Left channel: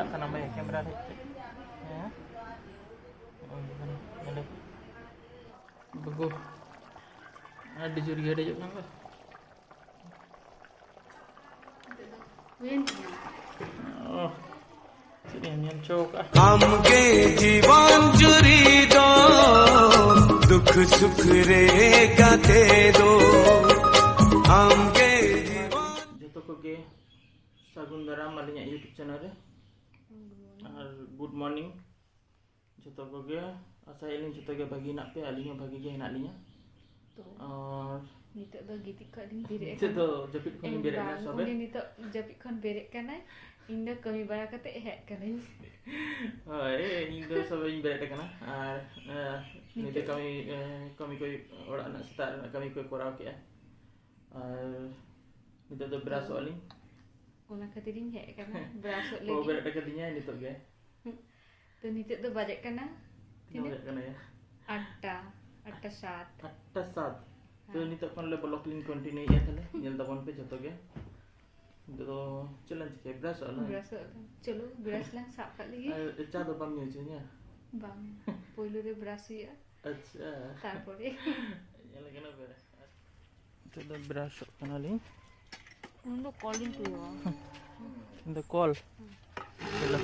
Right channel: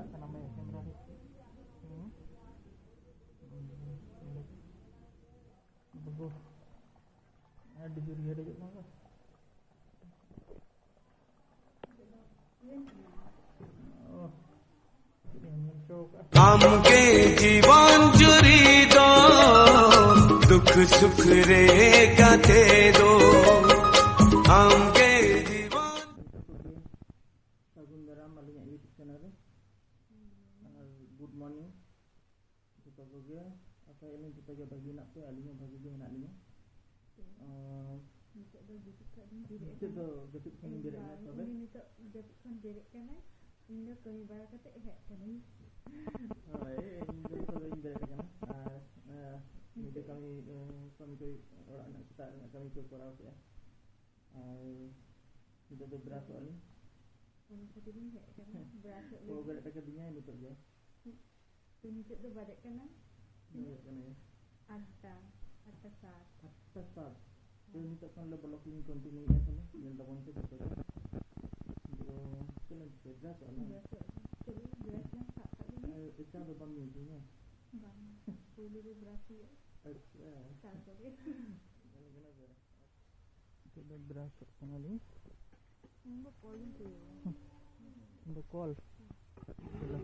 Agak kan nambah ya kamera deh. Ya. Oh, gimana? Ada. Bagus. Ada curiga ada juga kan? Oh. Sini yang cok. हमके जीवन जुरी दो दुख सुख रे गाते दो हमके जीवन Jatuh koge Sagun Daram alinya YouTube channel re. Good morning. Jatuh koge asa ini jatuh koge bagi nak pe alinya bagi ge nak alinya. Nitok do gitik kau ni berek. Itu japit kun berek na sobe. Ini nitok japit kon berek kan ai. Indo kami bara kate hek kan ai. Ini tu sobe ini berek kan. Ini tu kami koi orang nak start kami koi korau ke. Ini tu beras oli. Una katirin hek kan. Berasuk Oh lagi. berek dekat dinya ini tu ge. Tu nitok do budget kan ai. Berek kan ya. Atta saat. Atas saat. Tu ni tak kon le block link continue ya thale. Nyel tabon pe joto ge. Itu tu challenge ke beras ala. Berasuk. Chalo beras lang sap kat lagi. Cha do bam nyu nya. Bang. Poilo de berasuk ya. Acha. Tarpore. Nyel kena beras. Itu dah beras kan ali. Undo calling tu ya. The call. Hello.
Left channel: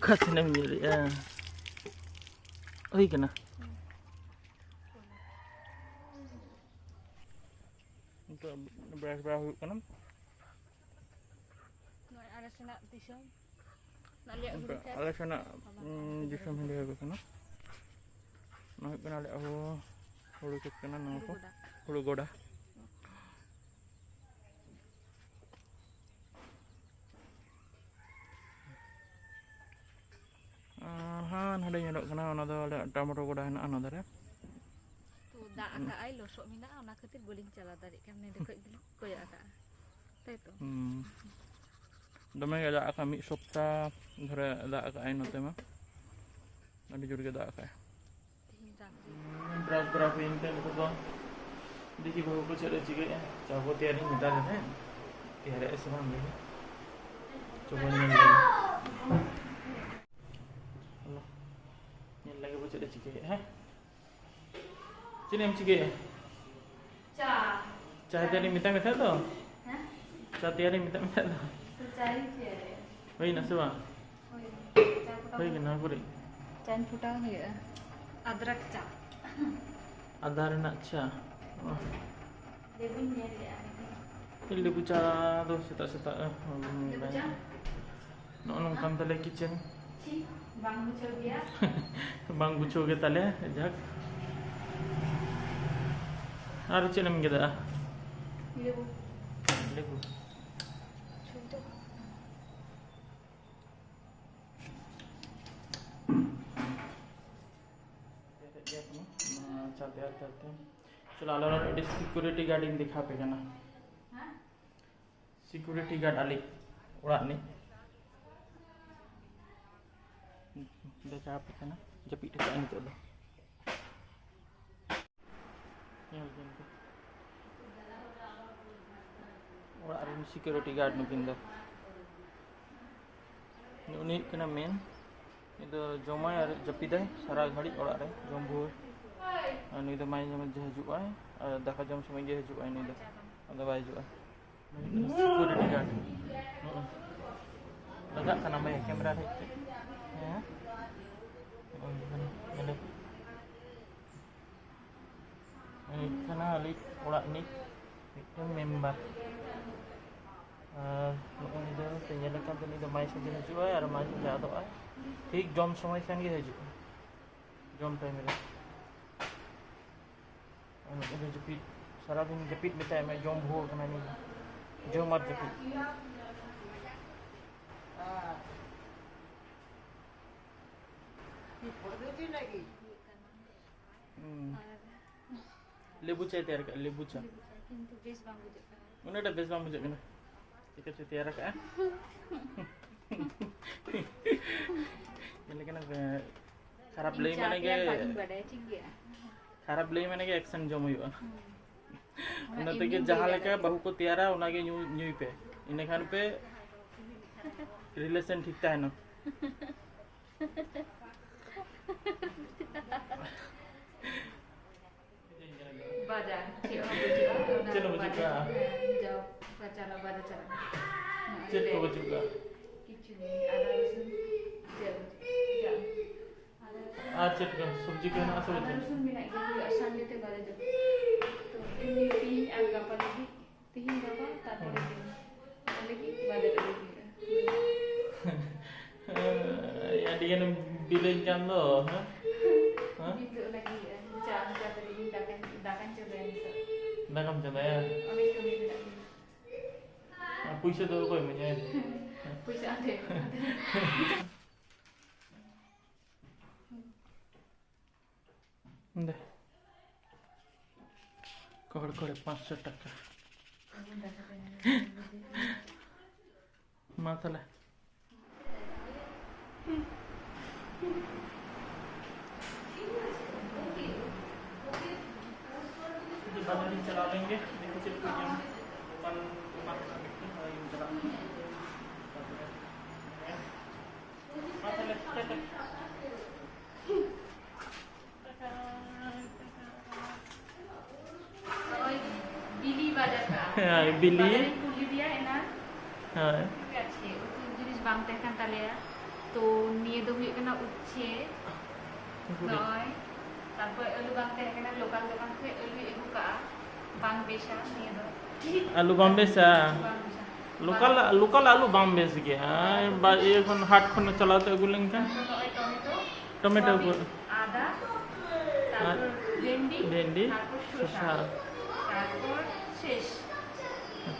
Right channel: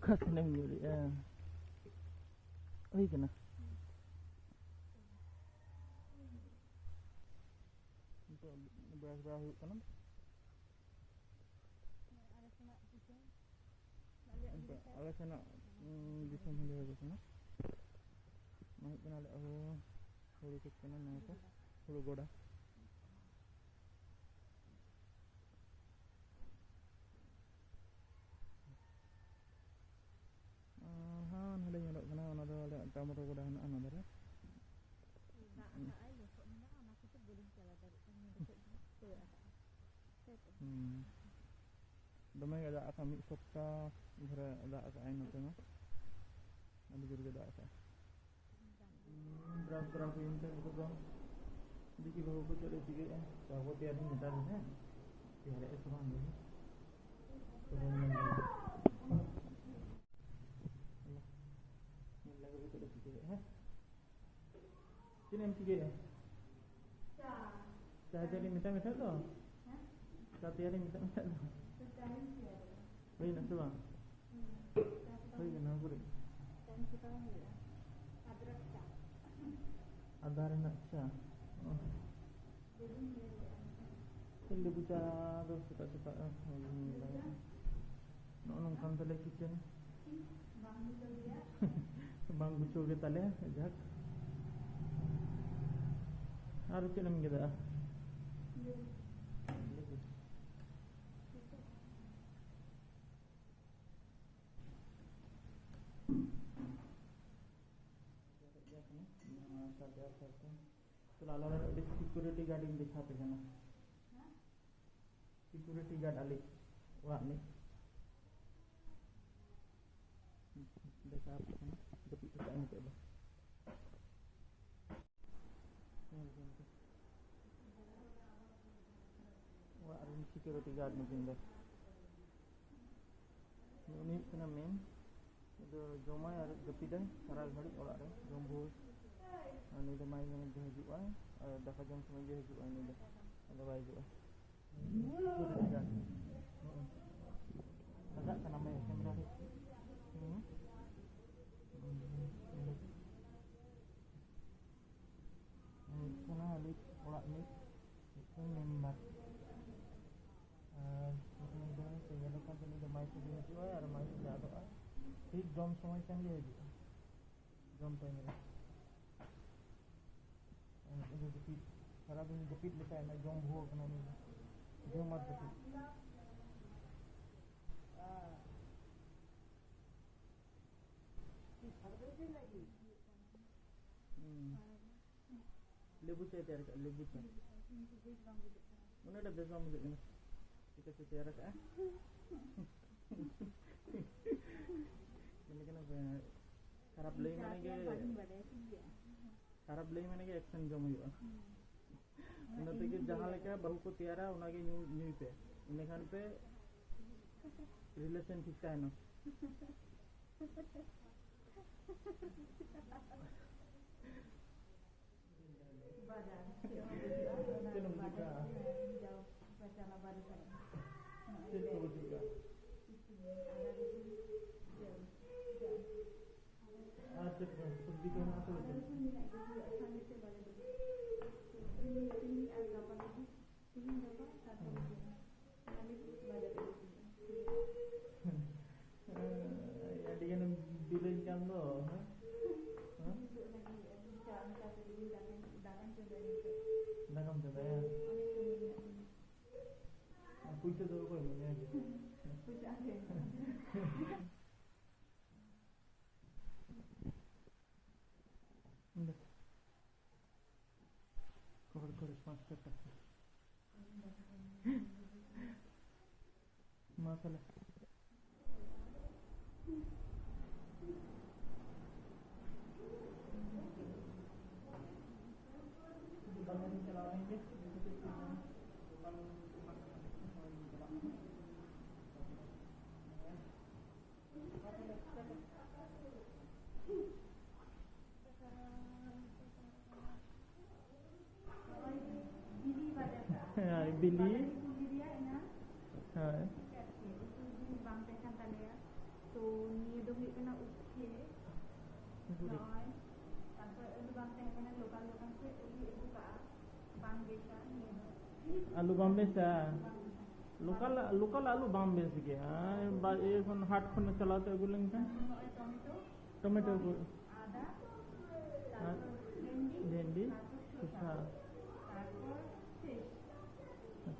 Kat na nyeri. Oi kena. Untuk beras-beras kan. Ada sana tisam. Nak lihat dulu kan. Ala sana jisam hendak ke kana. Nak kena lihat hulu ke kana napa? Hulu goda. Ada nyodok kana ona do ada tomato goda hena ana dare. Tu dak agak ai losok mina ona ketir boleh cala tarik kan ni dekat dulu koyak agak. Tahu tu. Dome ada akan mid sopta ধরে ada akan ain note mah. Ada juga ada akan. Beras berapa ini kan itu tu. Diki bahu ko cari juga ya. Coba tiar ini minta deh. Tiar es sama ni. Coba ni. Allah. Ni lagi baca ada juga ya. Sini am juga ya. Cah tiar ini minta tu. Cah tiar ini minta tu. Cari je. Wei nak sewa. Wei kena aku dek. Chan putang ya. Adrak cha. Adar nak cah. Lebih ni dia. Ini lebu cah tu setak-setak. Lebu cha. Nak nongkam tale kitchen. Ci bang muncul dia. Bang bucu ke tale jak. Ada cina mungkin dah. Lebu. Lebu. Contoh. चलते चलो आलो AD security guard इन दिखा पे ना security guard आली ओड़ा नि देखा पे ना जपी टे इन तो ओड़ा रे सिक्योरिटी गार्ड नुकिन दो उनी कना main itu jomai ar japiday sara ghadi orak re jom bhur ni do mai jam je hijuk ai daka jam samai je hijuk ai ni do ada bai hijuk ai security guard agak kan nambah ya kamera deh ya oh gimana ini kana alik orak ni itu member ini do penyalakan tu ni do mai saja hijuk ai ar mai saja ada ai ठीक जम समय संगे हजू जम time रे अने जपीट सारा दिन जपीट बेटा मैं जम भो कना नि जम मत जपीट लेबू चाय तैयार कर लेबू चाय Itu base bang bujuk kan. mana ada best bang bujuk kena kita tayar ka ini kan खराब ले माने के खराब ले माने के एक्शन जम हुआ उन्नत के जहां लेके बहु को तैयारा उना के न्यू न्यू पे इने खान पे रिलेशन ठीक ताहनो बाजार चलो बजुगा जाओ चला बाजार चला चेक को बजुगा किचन आधा रसुन जब आज चेक का सब्जी का ना सब रसुन मिला के संडे ते बाजार जब तो ini तीन और गप्पा लगी तीन गप्पा तारपरे दिन लगी बाजार लगी ya dia kan bilang kan lo ha itu lagi jangan kata ini dakan coba yang itu dah kam jana ya oleh kami tidak puisa tu koi menya puisa ada deh kor 500 টাকা माथाला बाजार ही चला लेंगे देखो चल कोई दुकान दुकान का देखते हैं ये चला माथाला Bili bajar ka. बिल्ली Kuli dia enak. हाँ Kaci. Itu jenis bang teh kan talia. To niye do huyuk kena uche. Noi. Tapoy alu bang teh kena lokal lokal ke alu ibu ka. Bang besa niye do. आलू बॉम्बे से Bang besa. Local local आलू बॉम्बे से गया बा ये खन हाट खन चलाते गुलें का Tomato, टोमेटो को ada. Tapoy vendi. भेंडी Tapoy শসা shosha. Tapoy shesh.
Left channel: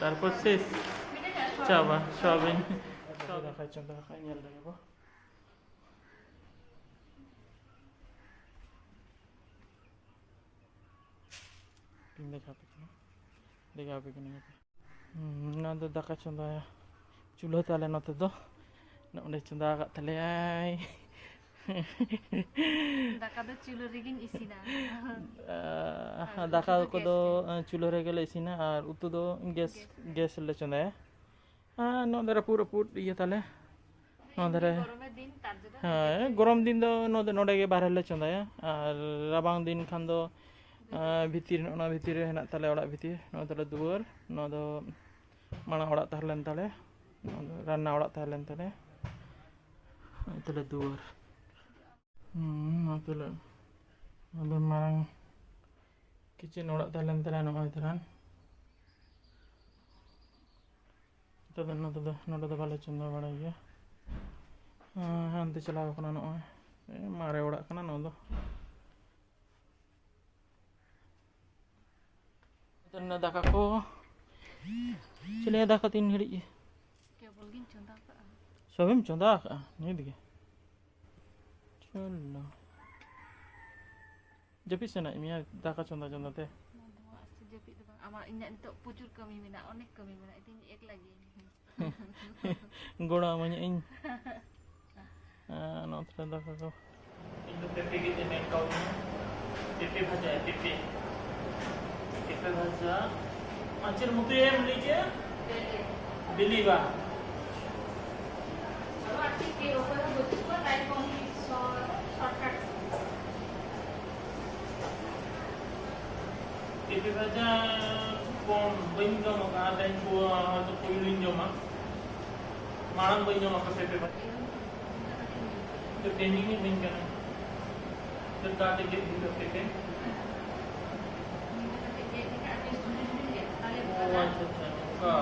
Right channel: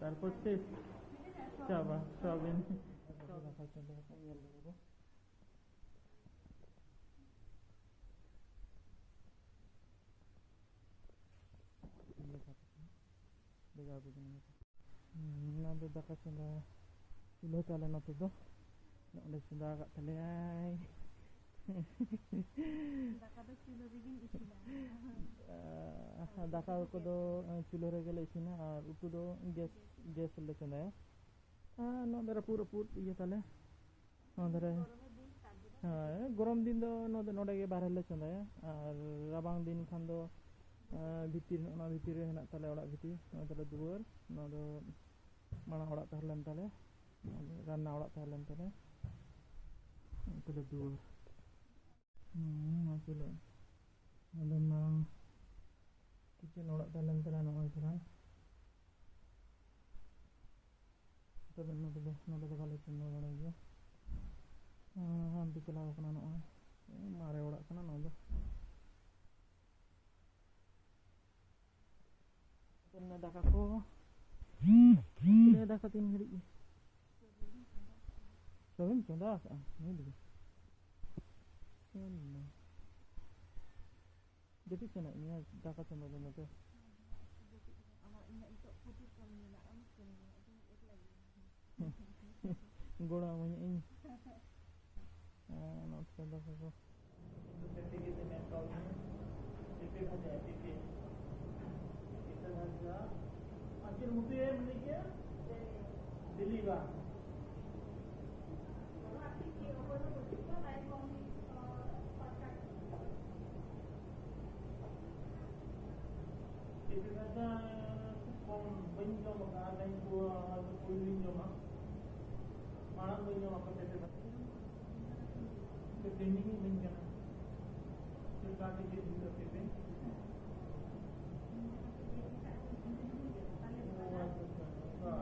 তারপর শেষ Beda tak soal? চাবা সয়াবিন দেখাচ্ছেন দেখাই নিয়ে দেখাবো দেখাবে কিনা না তো দেখা চন্দা চুলো তালে নতে তো অনেক চন্দা আঘাত তালে Daka do chulu rigin isina. দাকা কদো চুলো রে গেলে ইসিনা আর উতু দো গ্যাস গ্যাস লে চন্দা নদরা পুরো পুট ইয়ে তালে নদরে Goromer din tar jodo. হ্যাঁ গরম দিন দো নডে গে বাহির লে চন্দায়া আর রাবাং দিন খান দো ভিতির না ভিতিরে হেনা তালে ওড়া ভিতির নো তালে দুয়ার নো দো মানা ওড়া তাহলেন তালে রান্না ওড়া তাহলেন তালে তালে দুয়ার নো তালে নো মারাং কিচেন ওড়া তাহলেন তালে নো হয়তরান তবে নো তো ভালো চন্দা বড় গিয়া हांते चलाव कना नय मारे ओड़ा कना नो दो तन्ना दाका को चले दाका 3 घड़ी Kebol gin chonda ka. सबम चंदा का नहीं दिखे चलो जपि सेना मिया दाका चंदा चंदा ते Dua sejepit tu bang. Ama inyak untuk pucur kami mina, onek kami mina. Itu ek lagi. गोड़ा मने इन नो तरा दाका को इndo pepe के ने काउ pepe भाजा है pepe भाजा माचर मुते एम लीजिए बिली बा Kalau arti ke over betul kan lain kami shortcut. pepe भाजा कौन बइन जो मका लाइन को तो कोई लिन जो मा मारंग बइन जो मका pepe भाजा तो ट्रेनिंग में बइन करना तो काटे के दिन pepe oh अच्छा का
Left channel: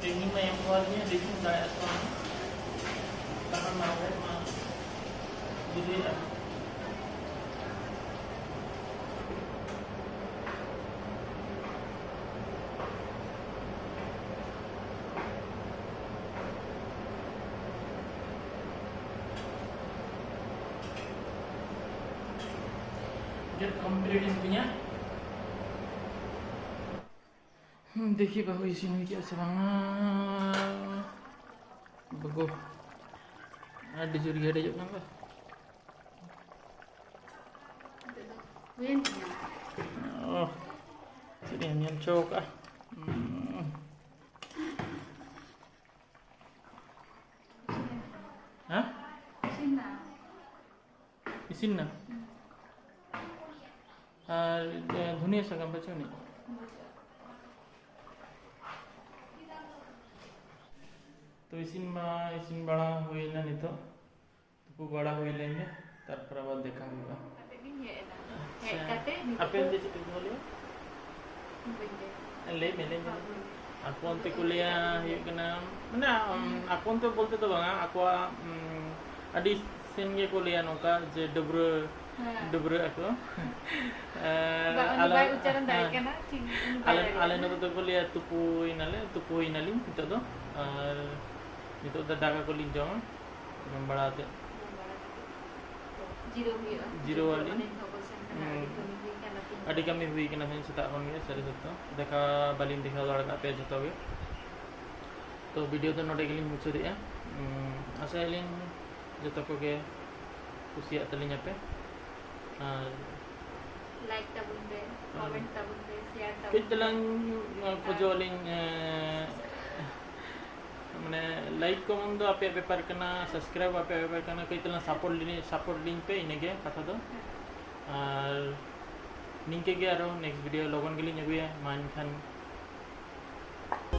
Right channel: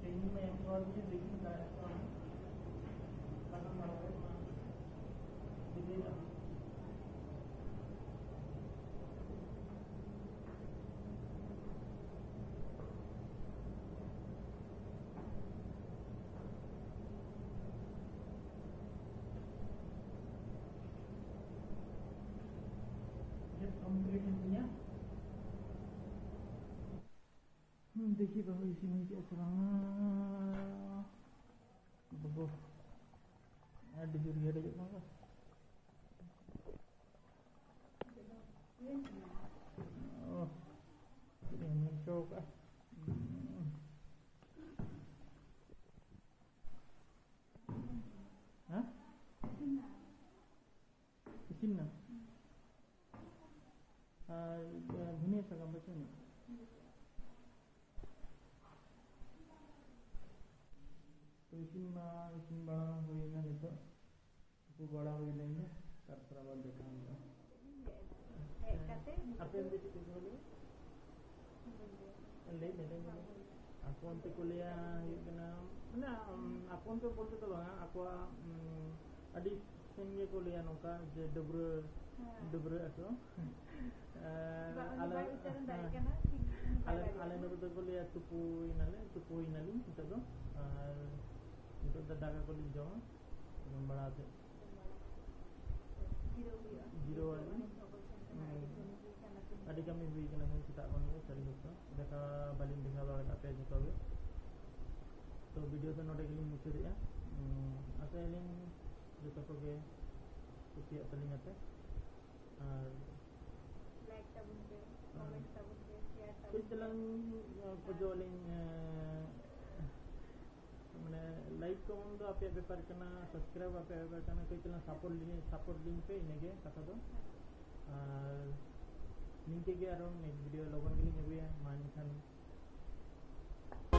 ट्रेनिंग में एम्प्लॉय लेकिन दायरा karena mau jadi get complete punya देखिए बाबू इसी में क्या से Bagus. Ada juri ada juga kan? Win. Oh. Jadi yang cok ah. Hah? Sina. Isin na? Dunia sagam baca ni. तो इसिन बड़ा हुई ना नहीं तो तुपु बड़ा हुई लेंगे तारपर आबाद देखा होगा Kate ni ya ena. Kate ni. apa yang dia cakap boleh ले मेले aku onte kuliah yuk kena mana aku onte bolte to bang aku adi sen ge kuliah noka je debre aku Ala ucaran dari kana cing. ale no to kuliah tupu inali itu to itu dah daga kuliah jong bड़ा te Zero wali. Adi kami hui kena hen setak on ge sari satu dekha balin dekha lada pe joto ge to video to note gelin mucho dia asa elin joto ko ge kusiak talinya pe Like tabun be, comment tabun be, share tabun. kitalang pojolin মানে like comment দো আপে ব্যাপার কেনা subscribe আপে ব্যাপার কেনা কইতলা support link पे इनेगे কথা দো আর নিংকে গে আরো নেক্সট ভিডিও লগন গলি নেগুয়া মান খান